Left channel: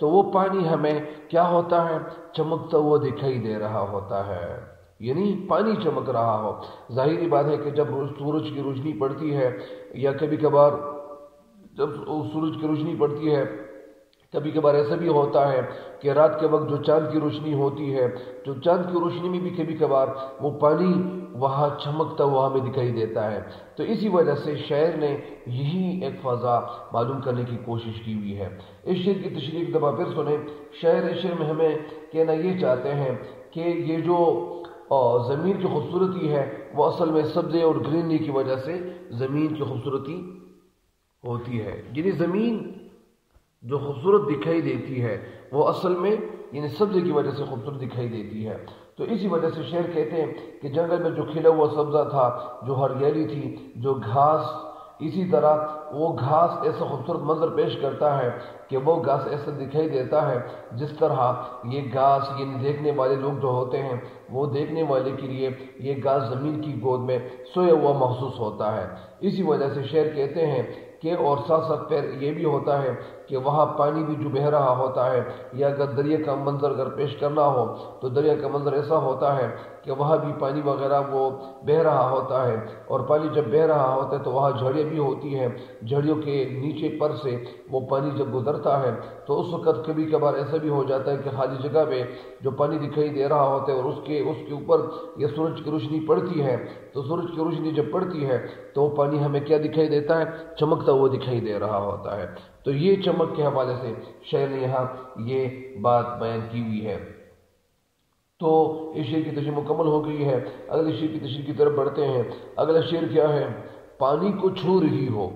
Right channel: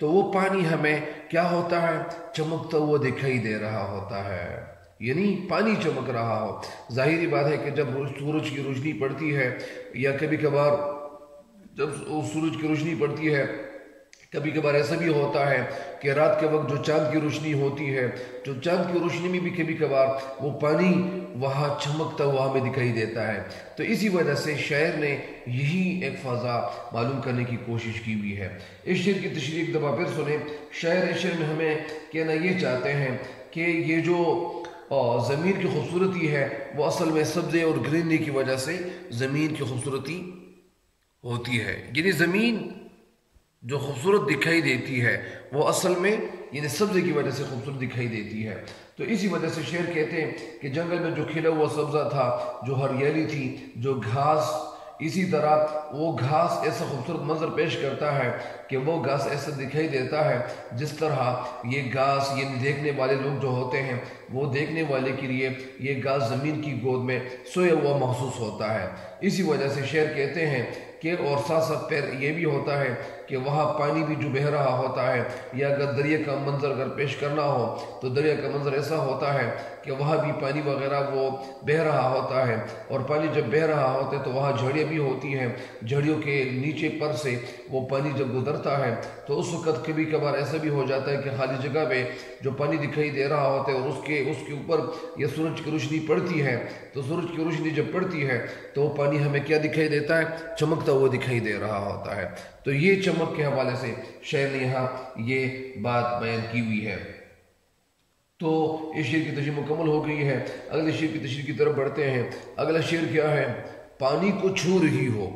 تو وہ پانی ہمیں کیا ہوتا ہے، چمکتا ہوا دکھائی دے رہا ہوتا ہے، یعنی پانی چمک رہا ہو۔ ظاہری بات ہے کہ جب سورج کی روشنی پڑتی ہے یا کبھی کبھار جب سورج کی روشنی پڑتی ہے، کبھی کبھار ایسا بھی ہوتا ہے کہ رات کے وقت جو چاند کی روشنی ہوتی ہے، جو چاند کی روشنی میں بھی کبھی کبھار وہ پانی وہاں چمکتا ہوا ہمیں دکھائی دیتا ہے۔ تو اسی وجہ سے شاعر نے یہی ایک فضا معلوم کرنے کی کوشش کی ہوئی ہے۔ اس شعر کی تشریح ایک دفعہ پھر سنیں۔ شاعر اس شعر میں ہمیں کہنا یہ چاہتے ہیں کہ یہ جو زمین کی خوبصورتی ہے وہ اصل میں سبزے اور گرینری کی وجہ سے زمین کی خوبصورتی ہوتی ہے، یعنی زمین جو خوبصورت دکھائی دیتی ہے وہ اصل میں یعنی سبزے کی وجہ سے خوبصورت دکھائی دیتی ہے۔ تو اسی وجہ سے شعر کہتے ہیں کہ جنگل میں جو کھلا ہوا سبزہ تھا، جو ہریالی تھی، جو گھاس، اسی طرح وہ گھاس ایسا خوبصورت منظر پیش کرتا ہے کہ وہ گھاس ایسا دکھائی دیتا ہے جس طرح یہ گھاس یعنی دیکھنے والے لوگ جو ہوتے ہیں وہ دیکھنے والے کے لیے یہ گھاس زمین کی گود میں سویا ہوا محسوس ہوتا ہے۔ اسی وجہ سے شعر کہتے ہیں کہ اور ساتھ ساتھ پھر یہ بھی ہوتا ہے کہ وہاں پانی بھی جو بہہ رہا ہوتا ہے، یا اگر دریا کا منظر اگر پیش کرنا ہو تو دریا کا منظر ایسا ہوتا ہے کہ وہاں بھی پانی وغیرہ وہ بہہ رہا ہوتا ہے، اور پانی جب بہہ رہا ہوتا ہے تو وہاں جھاڑیاں بھی ہوتی ہیں، جھاڑیوں کے نیچے پر سے وہ پانی جب گزرتا ہے تو اس وقت کبھی کبھار ایسا بھی ہو جاتا ہے کہ خالی جگہ پہ جو پانی دکھائی دے رہا ہوتا ہے اور اس کے اوپر یہ سورج کی روشنی پڑتی ہے، تو سورج کی روشنی جب پڑتی ہے تو وہ پانی ہمیں کیا دکھائی دیتا ہے، چمکتا ہوا دکھائی دے رہا ہوتا ہے۔ تو یہ چمک کے حوالے سے شاعر نے یہاں یہ بات بیان کی ہوئی ہے۔ تو اس شعر کی تشریح مکمل ہو گئی ہے، اگلے شعر کی تشریح کی طرف بڑھتے ہیں۔ اگلا شعر کیا ہے؟ پانی کو چھو رہی ہو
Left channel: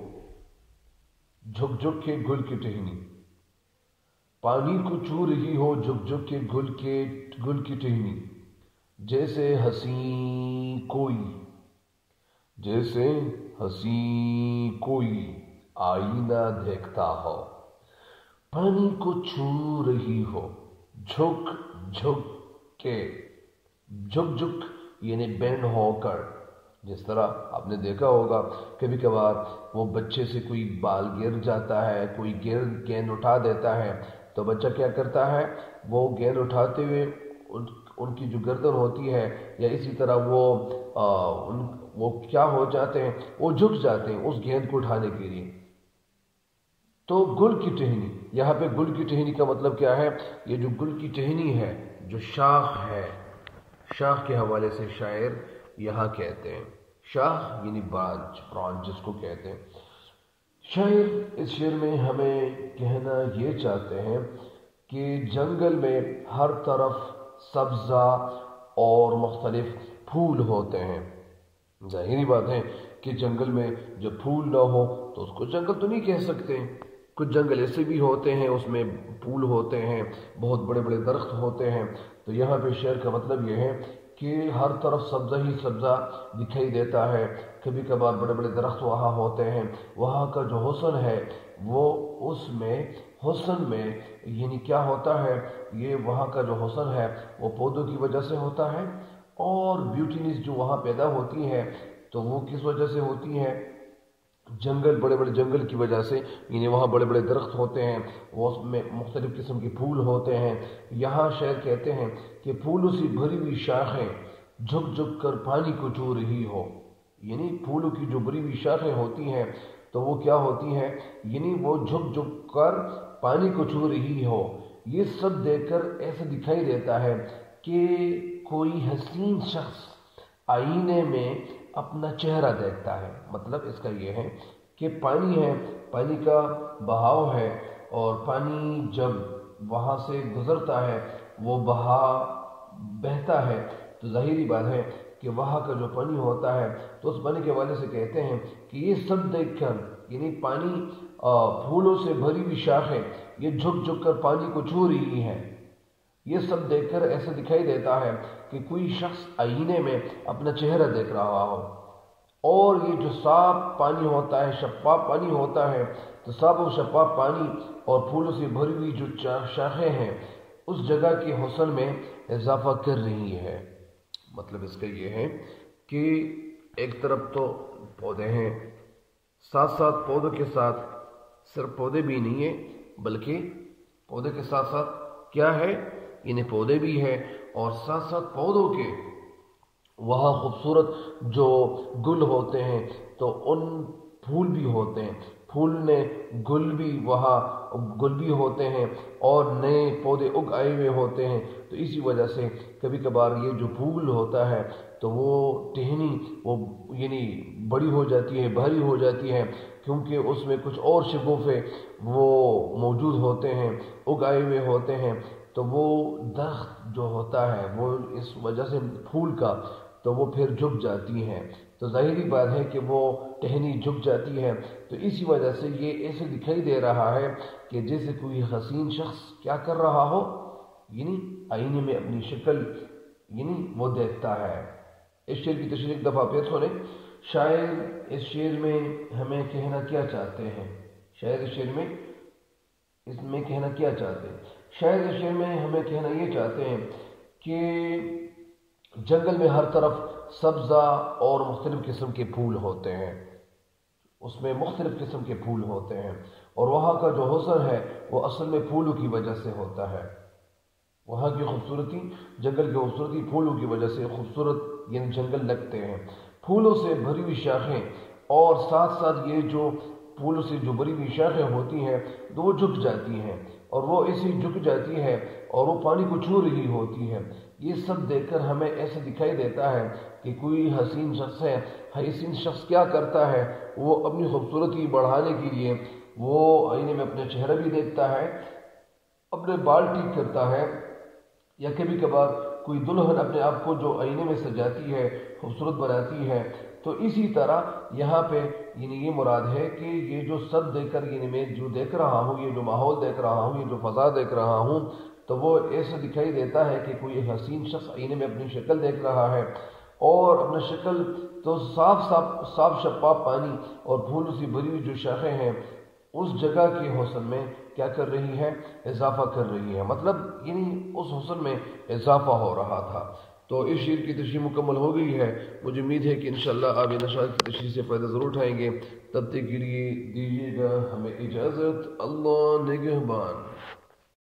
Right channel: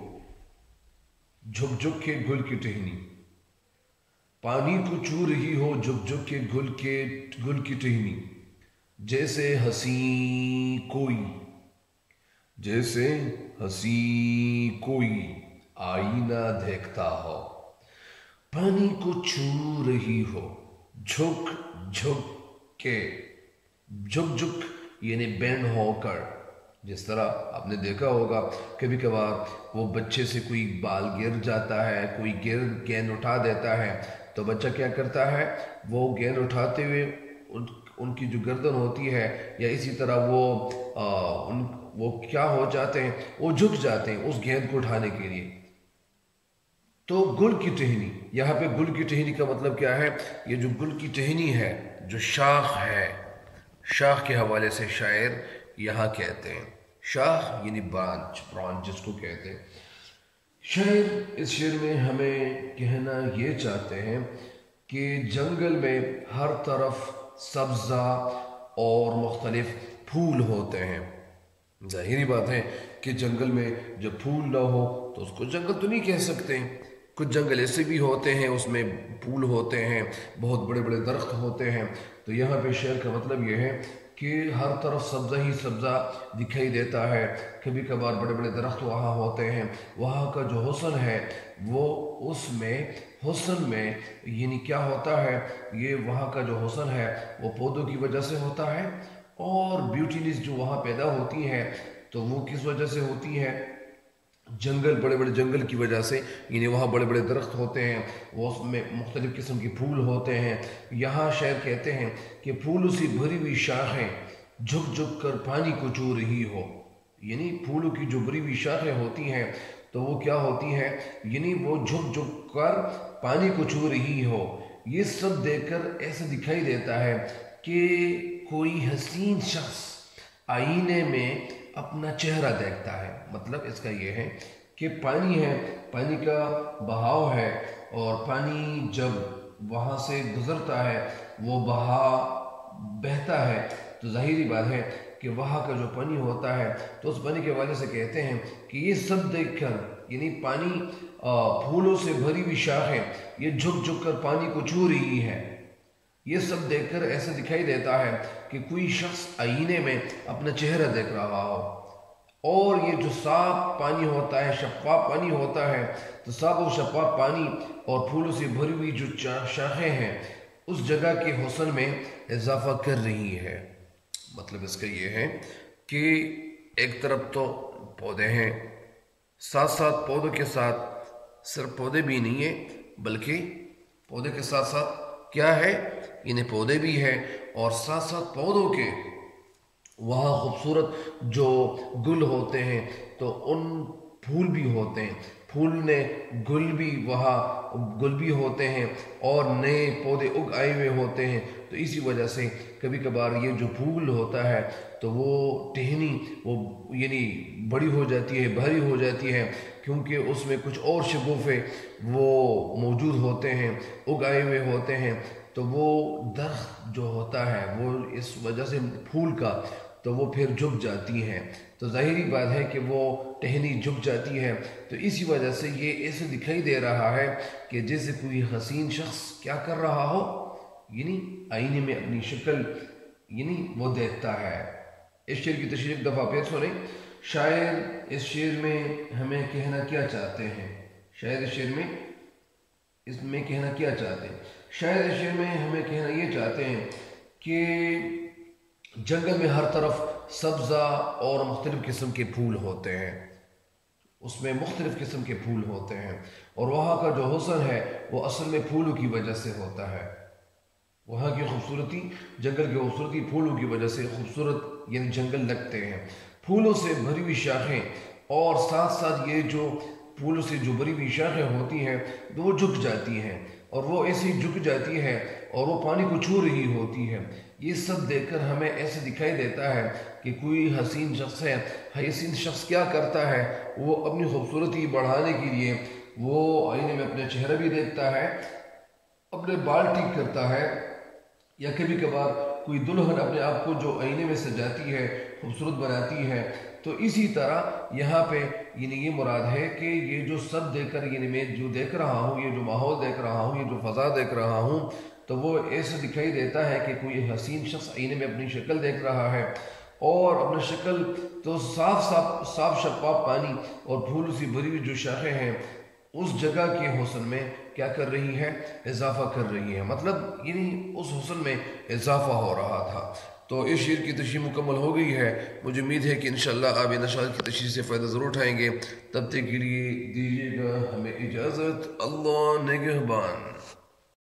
جھک جھک کے گل کی ٹہنی، پانی کو چھو رہی ہو جھک جھک کے گل کی ٹہنی، جیسے ہنسی کوئی، جیسے ہنسی کوئی آئینہ دیکھتا ہو، پانی کو چھو رہی ہو جھک جھک کے، جھک جھک یعنی بینڈ ہو کر، جس طرح آپ نے دیکھا ہوگا کبھی کبھار وہ بچے سے کوئی بال گر جاتا ہے، کوئی گیند اٹھا دیتا ہے تو بچہ کیا کرتا ہے، وہ گیند اٹھاتے ہوئے ان کی جو گردن ہوتی ہے یا اسی طرح وہ کیا ہو جاتے ہیں، وہ جھک جاتے ہیں اس گیند کو اٹھانے کے لیے۔ تو گل کی ٹہنی، یہاں پہ گل کی ٹہنی کا مطلب کیا ہے؟ یہ جو گل کی ٹہنی ہے، جو شاخ ہے، شاخ کے حوالے سے شاعر یہاں کہتے ہیں، شاخ یعنی برانچ جس کو کہتے ہیں۔ شاعر اس شعر میں ہمیں کہنا یہ چاہتے ہیں کہ جنگل میں ہر طرف سبزہ اور مختلف پھول ہوتے ہیں۔ ظاہری بات ہے کہ جنگل میں جب پھول نہ ہو تو اس کو جنگل تو نہیں کہہ سکتے۔ کچھ جنگل ایسے بھی ہوتے ہیں اس میں پھول ہوتے ہیں، بہت بڑے بڑے درخت ہوتے ہیں۔ تو یہاں پہ شعر کا مطلب یہ ہے کہ ہر طرف سبزہ ہی سبزہ دکھائی دیتا ہے، کبھی کبھار بڑے بڑے درخت وہاں ہوتے ہیں، وہاں کا جو حسن ہے وہ اس میں حسن میں یعنی کیا ہوتا ہے، یہ وہاں کا جو حسن ہے وہ پودوں کی وجہ سے ہوتا ہے، اور بیوٹینس جو وہاں پیدا ہوتی ہے تو وہ کس وجہ سے ہوتی ہے؟ جنگل، بڑے بڑے جنگل کی وجہ سے، یعنی وہاں بڑے بڑے درخت ہوتے ہیں، وہ اس میں مختلف قسم کے پھول ہوتے ہیں۔ یہاں شاعر کہتے ہیں کہ پھولوں سے بھری ہوئی شاخیں جھک جھک کر پانی کو چھو رہی ہو، یعنی پھولوں کی جو بھری ہوئی شاخیں ہوتی ہیں تو وہ کیا ہوتی ہیں، یعنی وہ جھک جھک کر پانی کو چھو رہی ہو۔ یہ سب دیکھ کر ایسا دکھائی دیتا ہے کہ کوئی حسین شخص آئینے میں اپنا چہرہ دیکھتا ہے۔ مطلب اس کا یہ ہے کہ پانی ہے، پانی کا بہاؤ ہے، اور پانی جب وہاں سے گزرتا ہے، وہ بہتا ہے، تو ظاہری بات ہے کہ وہاں کا جو پانی ہوتا ہے تو اس پانی کے حوالے سے کہتے ہیں کہ یہ سب دیکھ کر، یعنی پانی پھولوں سے بھری ہوئی شاخیں یہ جھک جھک کر پانی کو چھو رہی ہیں، یہ سب دیکھ کر ایسا دکھائی دیتا ہے کہ کوئی شخص آئینے میں اپنا چہرہ دیکھ رہا ہو۔ اور یہ جو صاف پانی ہوتا ہے، شفاف پانی ہوتا ہے، تو صاف و شفاف پانی اور پھولوں سے بھری ہوئی جو شاخیں ہیں اس جگہ کے حسن میں اضافہ کر رہی ہے۔ مطلب اس کا یہ ہے کہ ایک طرف تو پودے ہیں، ساتھ ساتھ پودوں کے ساتھ صرف پودے بھی نہیں ہیں بلکہ پودے کے ساتھ ساتھ کیا ہے، انہیں پودے بھی ہیں، اور ساتھ ساتھ پودوں کے وہاں خوبصورت جو گل ہوتے ہیں تو ان پھول بھی ہوتے ہیں، پھول نے گل بھی وہاں گل بھی ہوتے ہیں اور نئے پودے اگ آئے ہوئے ہوتے ہیں۔ تو اسی وجہ سے کبھی کبھار یہ جو پھول ہوتا ہے تو وہ ٹہنی وہ یعنی بڑی ہو جاتی ہے، بھاری ہو جاتی ہے، کیونکہ اس میں کچھ اور شگوفے وہ موجود ہوتے ہیں، اگ آئے ہوئے ہوتے ہیں۔ تو وہ درخت جو ہوتا ہے وہ اس وجہ سے پھول کا تو وہ پھر جھک جاتی ہیں، تو ظاہری بات ہے کہ وہ ٹہنی جھک جاتی ہے۔ تو اسی وجہ سے یہ ایسے دکھائی دے رہا ہے کہ جیسے کوئی حسین شخص کیا کر رہا ہو، یعنی آئینے میں اپنی شکل یعنی وہ دیکھتا ہے۔ اس شعر کی تشریح ایک دفعہ پھر سنیں۔ شاعر اس شعر میں ہمیں کہنا کیا چاہتے ہیں، شاعر اس میں کہنا کیا چاہتے ہیں؟ شاعر اس شعر میں ہمیں کہنا یہ چاہتے ہیں کہ جنگل میں ہر طرف سبزہ اور مختلف قسم کے پھول ہوتے ہیں، اس میں مختلف قسم کے پھول ہوتے ہیں، اور وہاں کا جو حسن ہے وہ اصل میں پھولوں کی وجہ سے ہوتا ہے۔ وہاں کی خوبصورتی، جنگل کی خوبصورتی پھولوں کی وجہ سے خوبصورت یعنی جنگل لگتے ہیں، پھولوں سے بھری ہوئی شاخیں، اور ساتھ ساتھ یہ جو پھولوں سے جو بھری ہوئی شاخیں ہوتی ہیں تو وہ جھک جاتی ہیں، اور وہ ایسے ہی جھک جاتی ہے اور وہ پانی کو چھو رہی ہوتی ہے۔ یہ سب دیکھ کر ہمیں ایسے دکھائی دیتا ہے کہ کوئی حسین شخص ہے، حسین شخص کیا کرتا ہے، وہ اپنی خوبصورتی بڑھانے کے لیے وہ آئینے میں اپنے چہرہ بھی دیکھتا ہے، اپنے بال ٹھیک کرتا ہے، یا کبھی کبھار کوئی دلہن اپنے آپ کو جو آئینے میں سجاتی ہے، خوبصورت بناتی ہے۔ تو اسی طرح یہاں پہ یعنی یہ مراد ہے کہ یہ جو سب دیکھ کر یعنی میں جو دیکھ رہا ہوں، یہ جو ماحول دیکھ رہا ہوں، یہ جو فضا دیکھ رہا ہوں، تو وہ ایسے دکھائی دیتا ہے کہ کوئی حسین شخص آئینے میں اپنی شکل دیکھ رہا ہے، اور اپنا شکل تو صاف شفاف پانی اور پھولوں سے بھری ہوئی جو شاخیں ہیں اس جگہ کے حسن میں کیا کر رہی ہے، اضافہ کر رہی ہے، مطلب یعنی اس حسن میں اضافہ ہو رہا تھا۔ تو اس شعر کی تشریح مکمل ہو گئی ہے، مجھے امید ہے کہ انشاءاللہ آپ ان اشعار کی تشریح سے فائدہ ضرور اٹھائیں گے۔ تب تک کے لیے دیجیے گا ہمیں اجازت، اللہ نگہبان۔